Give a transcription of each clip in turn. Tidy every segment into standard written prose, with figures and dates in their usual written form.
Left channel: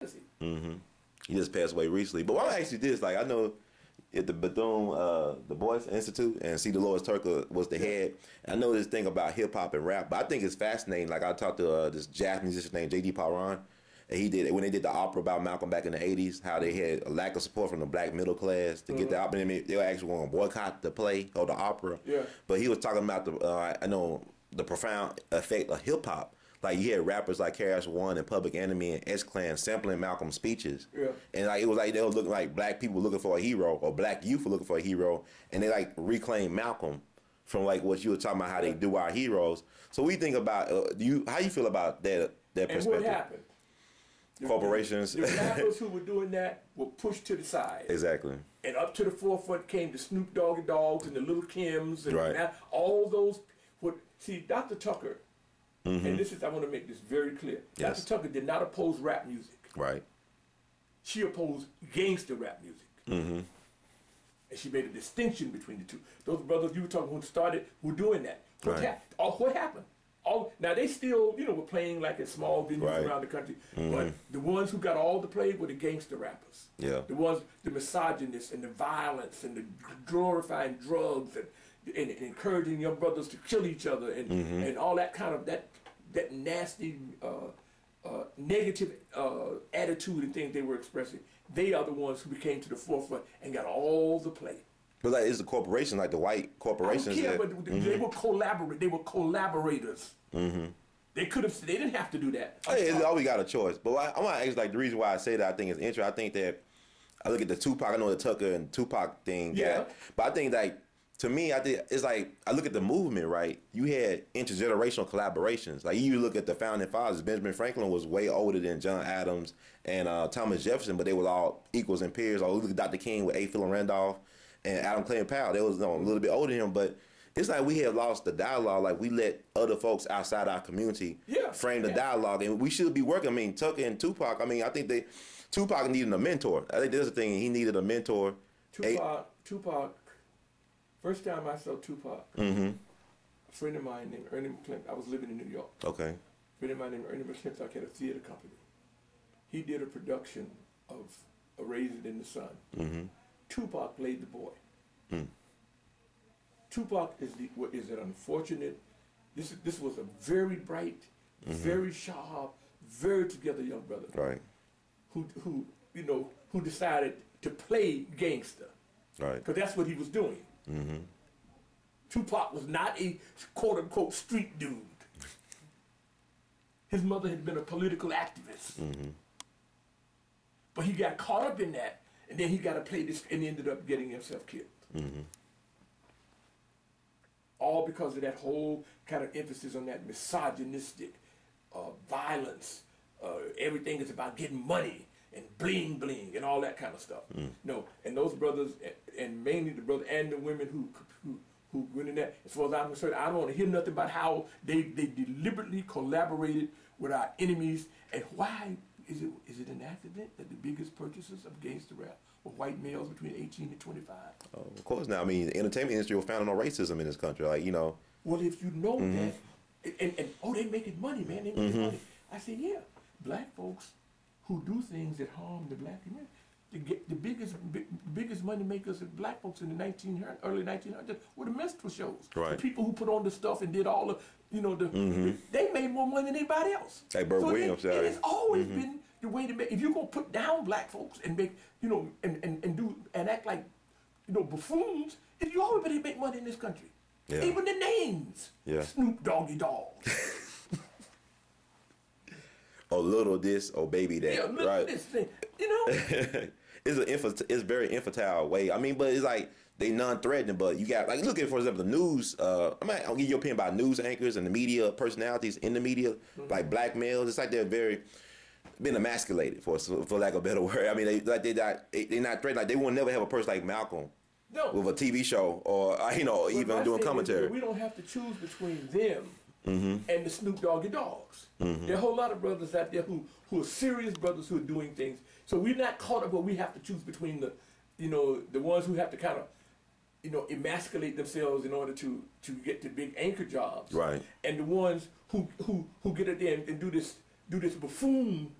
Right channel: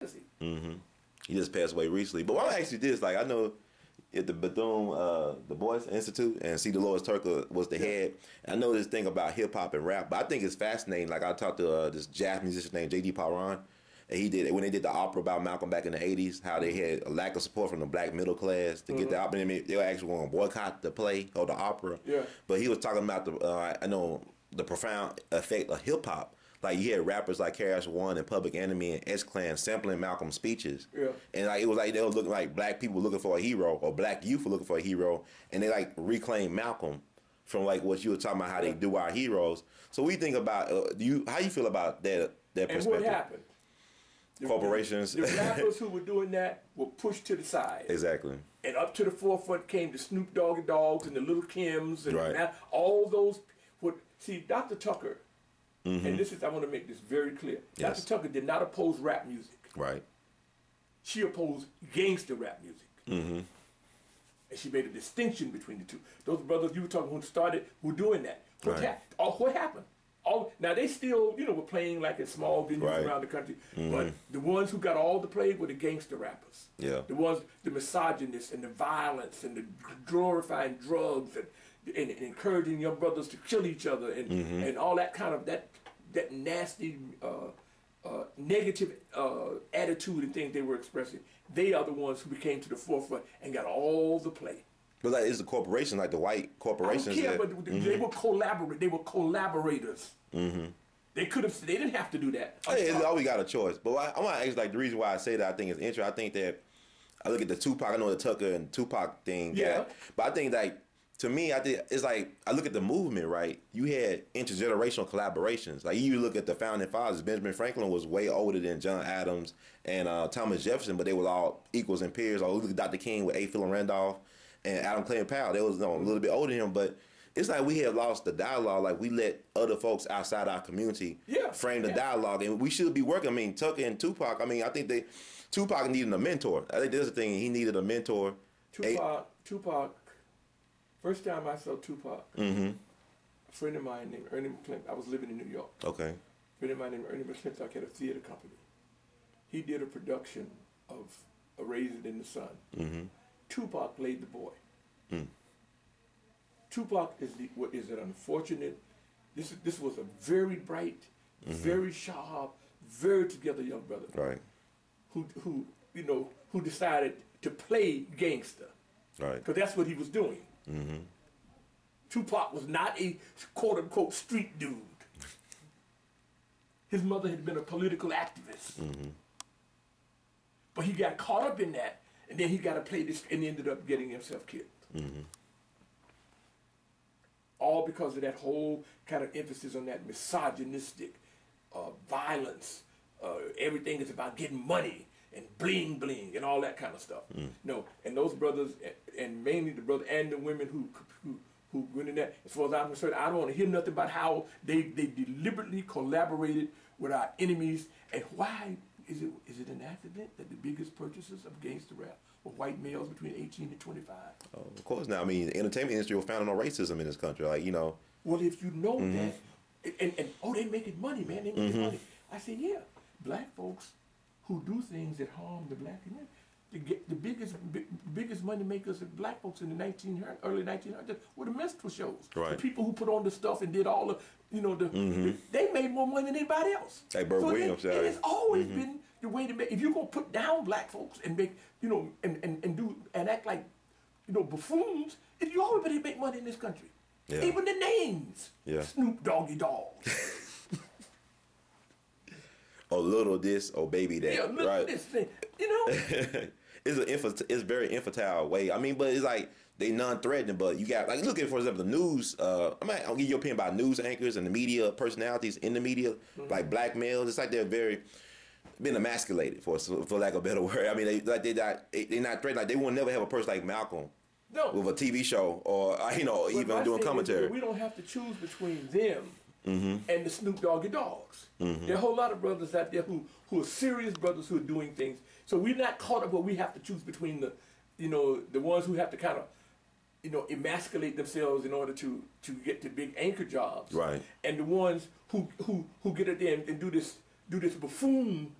He just passed away recently. But why I ask you this, like I know at the Bethune-DuBois Institute, and C. Dolores Turker was the head. I know this thing about hip hop and rap, but I think it's fascinating. Like I talked to this jazz musician named J.D. Paran, and he did when they did the opera about Malcolm back in the '80s, how they had a lack of support from the black middle class to get the opera. I mean, they were actually going to boycott the play or the opera. Yeah. But he was talking about the profound effect of hip hop. Like you had rappers like KRS-One and Public Enemy and S-Clan sampling Malcolm's speeches. Yeah. And like it was like they were looking like black people looking for a hero or black youth were looking for a hero, and they like reclaimed Malcolm from like what you were talking about how they do our heroes. So we think about how you feel about that perspective. And what happened? Corporations. The rappers who were doing that were pushed to the side. Exactly. And up to the forefront came the Snoop Doggy Dogs and the Little Kims and all those. See, Dr. Tucker. And this is, I want to make this very clear. Yes. Dr. Tucker did not oppose rap music. Right. She opposed gangster rap music. And she made a distinction between the two. Those brothers you were talking who started were doing that. What happened? Now they still, were playing like in small venues around the country. But the ones who got all the play were the gangster rappers. Yeah. The misogynists and the violence and the glorifying drugs and encouraging young brothers to kill each other and all that kind of that nasty negative attitude and things they were expressing. They are the ones who became to the forefront and got all the play. But like, it's the corporation, like the white corporations. I don't care, but they were collaborate. They were collaborators. They could have. They didn't have to do that. It's always got a choice. But I want to ask, like, the reason why I say that I think is interesting. I think that I look at the Tupac. I know the Tucker and Tupac thing. Yeah. But I think like to me, I think it's like I look at the movement. Right. You had intergenerational collaborations. Like you look at the founding fathers. Benjamin Franklin was way older than John Adams and Thomas Jefferson, but they were all equals and peers. Or look at Dr. King with A. Philip Randolph and Adam Clay Powell. They was a little bit older than him, but it's like we have lost the dialogue. Like we let other folks outside our community frame the dialogue, and we should be working. I mean, Tucker and Tupac. I mean, I think Tupac needed a mentor. I think there's a thing he needed a mentor. Tupac. First time I saw Tupac, a friend of mine named Ernie McClintock. I was living in New York. Okay. A friend of mine named Ernie McClintock had a theater company. He did a production of A Raisin in the Sun. Tupac played the boy. Tupac is an unfortunate. This was a very bright, very sharp, very together young brother. Right. Who decided to play gangster. Right. Because that's what he was doing. Tupac was not a quote unquote street dude. His mother had been a political activist. But he got caught up in that, and then he got to play this, and ended up getting himself killed. All because of that whole kind of emphasis on that misogynistic violence. Everything is about getting money and bling bling and all that kind of stuff. No, and those brothers, and mainly the brother and the women who went in that, as far as I'm concerned, I don't want to hear nothing about how they deliberately collaborated with our enemies. And why is it an accident that the biggest purchasers of gangster rap were white males between 18 and 25? Oh, of course. Now, I mean, the entertainment industry was founded on racism in this country. Like, Well, if you know that, and they making money, man. They making money. I said, yeah, black folks who do things that harm the black community. The biggest money makers of black folks in the early 1900s were the minstrel shows. Right. The people who put on the stuff and did all the, they made more money than anybody else. Hey, Burt Williams. It has always been the way to make. If you're gonna put down black folks and make, and act like, buffoons, you always better make money in this country. Yeah. Even the names. Yeah. Snoop Doggy Dog. Or little this, or baby that. Yeah, little this thing. It's very infantile way. I mean, but it's like they non-threatening. But you got like look at, for example, the news. I'll give you your opinion about news anchors and the media personalities in the media, like black males. It's like they're been emasculated for lack of a better word. I mean, they're not threatened. Like they will never have a person like Malcolm. No. With a TV show or even doing commentary. We don't have to choose between them and the Snoop Doggy Dogs. There are a whole lot of brothers out there who are serious brothers who are doing things. So we're not caught up where we have to choose between the ones who have to kind of emasculate themselves in order to get the big anchor jobs, right? And the ones who get it there and do this buffoon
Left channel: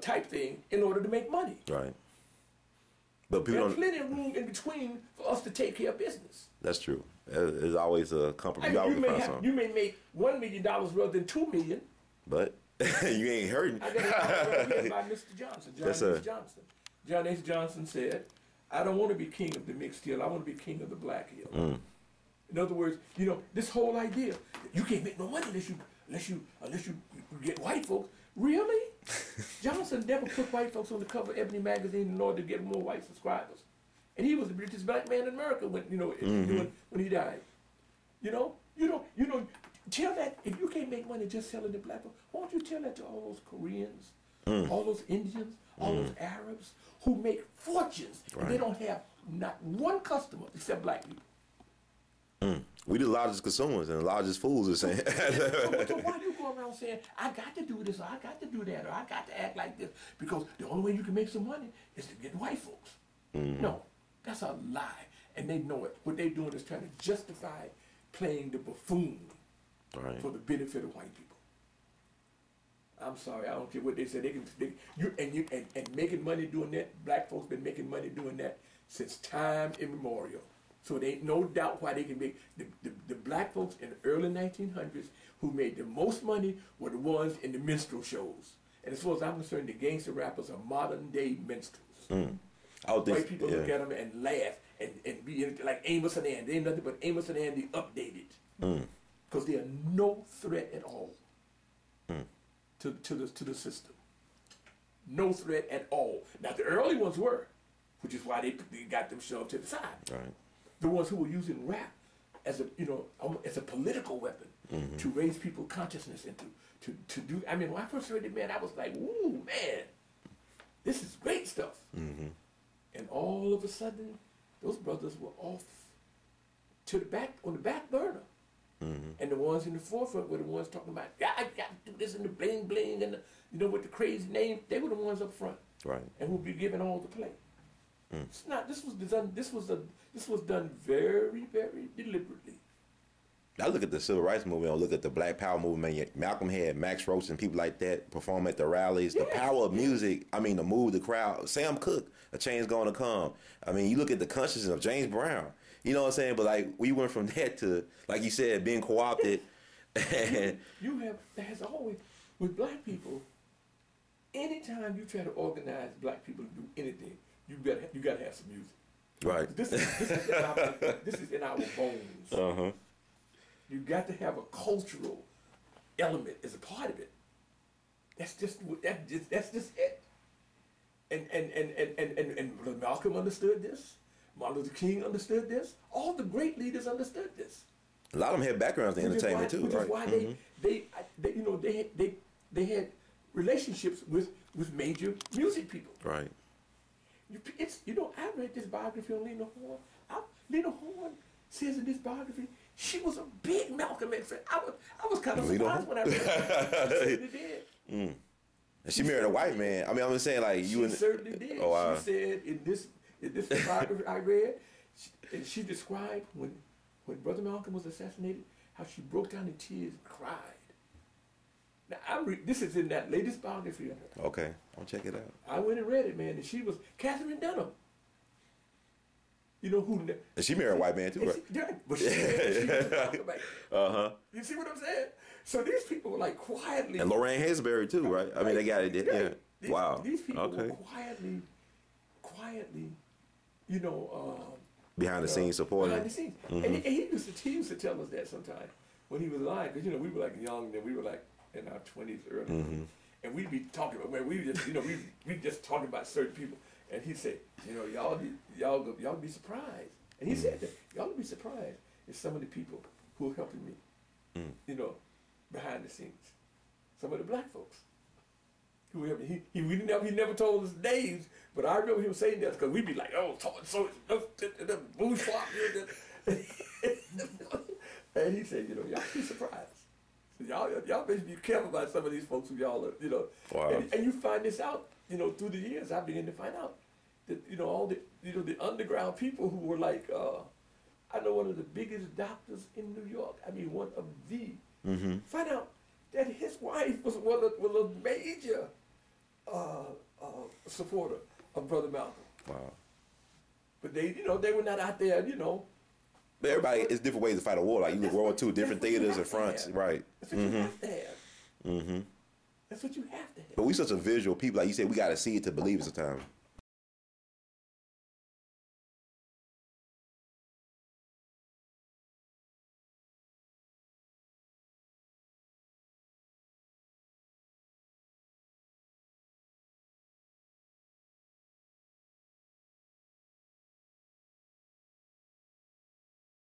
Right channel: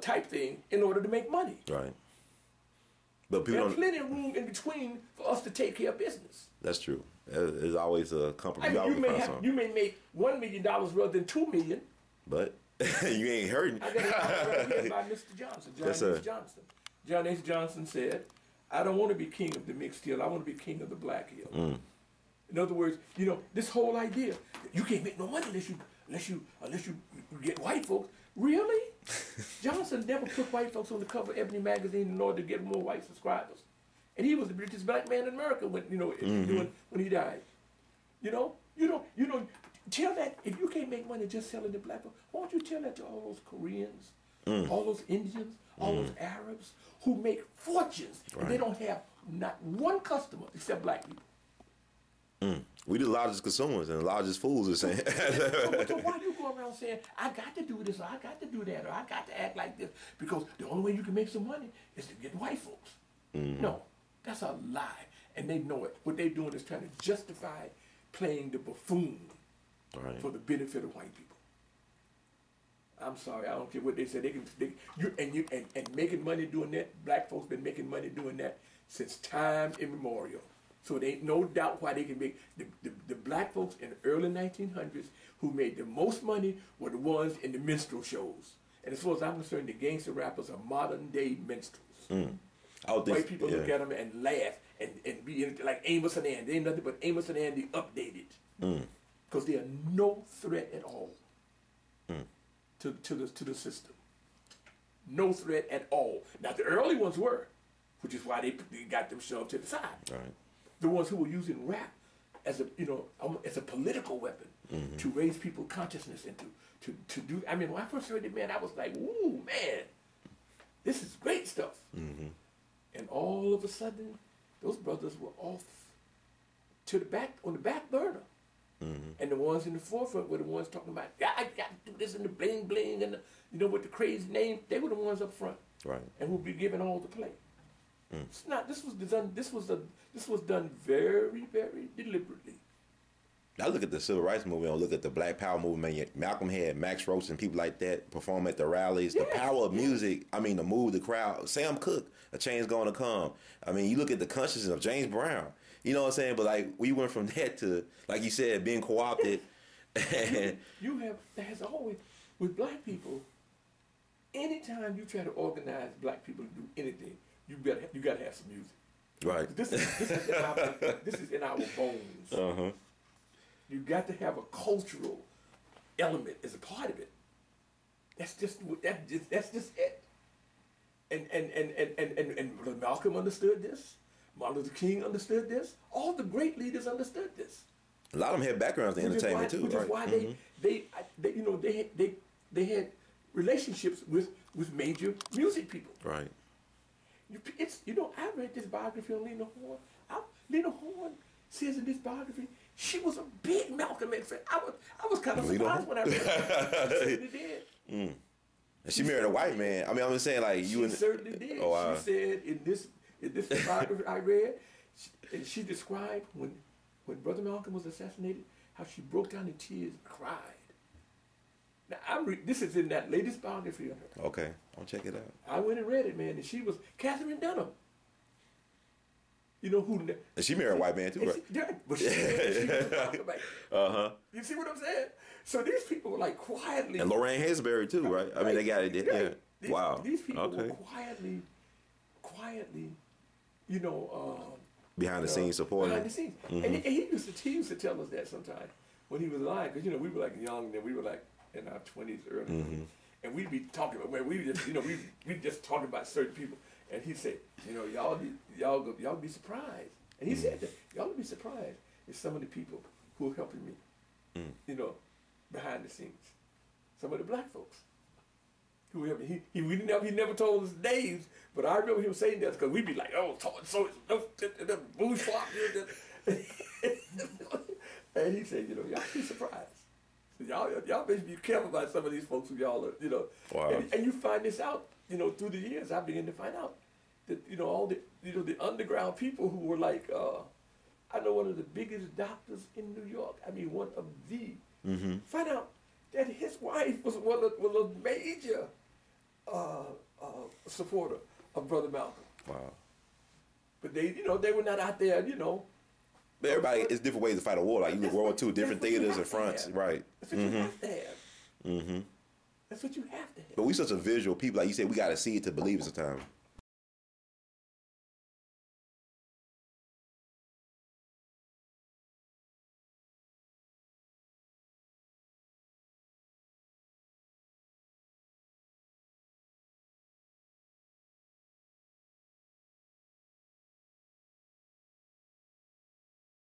type thing in order to make money. Right. But people There's plenty of room in between for us to take care of business. That's true. There's always a compromise. You may make $1 million rather than $2 million. But you ain't hurting. I got a right here by Mr. Johnson, John H. Johnson. John H. Johnson said, "I don't want to be king of the mixed hill. I want to be king of the black hill." In other words, this whole idea you can't make no money unless you get white folks. Really? Johnson never put white folks on the cover of Ebony magazine in order to get more white subscribers, and he was the richest black man in America when when he died. You don't tell that if you can't make money just selling to black folks. Why don't you tell that to all those Koreans, all those Indians, all those Arabs who make fortunes and they don't have not one customer except black people. We the largest consumers and the largest fools are saying. So why do you go around saying, I got to do this, or I got to do that, or I got to act like this? Because the only way you can make some money is to get white folks. No, that's a lie. And they know it. What they're doing is trying to justify playing the buffoon for the benefit of white people. I'm sorry, I don't care what they say. And making money doing that, black folks been making money doing that since time immemorial. So there ain't no doubt why they can make the black folks in the early 1900s who made the most money were the ones in the minstrel shows. And as far as I'm concerned, the gangster rappers are modern day minstrels. White people look at them and laugh and be like Amos and Andy. They ain't nothing but Amos and Andy updated. Because they are no threat at all to the system. No threat at all. Now the early ones were, which is why they got them shoved to the side. Right. The ones who were using rap as a political weapon to raise people's consciousness and to do. I mean, when I first heard it, man, I was like, "Ooh, man, this is great stuff." And all of a sudden, those brothers were off to the back on the back burner, and the ones in the forefront were the ones talking about, "Yeah, I got to do this and the bling bling and with the crazy name." They were the ones up front, right, and who'd be giving all the play. It's not. This was done very, very deliberately. I look at the Civil Rights Movement. I look at the Black Power movement. Malcolm had Max Roach and people like that perform at the rallies. The power of music. I mean, to move the crowd. Sam Cooke, A Change Gonna Come. I mean, you look at the consciousness of James Brown. You know what I'm saying? But like, we went from that to, like you said, being co-opted. There has always with black people. Anytime you try to organize black people to do anything, you got to have some music. Right. This is in our bones. You got to have a cultural element as a part of it. That's just it. And Malcolm understood this. Martin Luther King understood this. All the great leaders understood this. A lot of them had backgrounds in entertainment too. Which is why they had relationships with major music people. Right. I read this biography on Lena Horne. Lena Horne says in this biography she was a big Malcolm X fan. I was kind of surprised when I read it. She certainly did. And she married a white man. I mean, I'm just saying, like you. She certainly did. Oh, wow. She said in this biography I read, she described when Brother Malcolm was assassinated, how she broke down in tears and cried. Now, this is in that latest biography of her. Okay, I'll check it out. I went and read it, man, and she was Catherine Dunham. You know who? And she married a white man too, right? But she was Malcolm X. You see what I'm saying? So these people were like quietly. And Lorraine Hansberry too, right? I mean, they got it. Yeah. Wow. These people were quietly, behind the scenes supporting. Behind the scenes, and he used to tell us that sometimes when he was alive, because we were like young, and we were like in our 20s, early, and we'd be talking about we just talking about certain people, and he said, y'all be surprised, and he said that y'all be surprised at some of the people who are helping me, behind the scenes, some of the black folks who helped me. He never told us names, but I remember him saying that because we'd be like, oh, so the bourgeois, and he said, y'all be surprised. Y'all better be careful about some of these folks who y'all are, Wow. And you find this out, through the years. I began to find out that, all the, the underground people who were like, I know one of the biggest doctors in New York. I mean, one of the. Find out that his wife was one of major supporter of Brother Malcolm. Wow. But they, they were not out there, But everybody, it's different ways to fight a war. Like you look World War II, different theaters and fronts, right? That's what you have to have. That's what you have to have. But we such a visual people, like you said, we got to see it to believe it sometimes.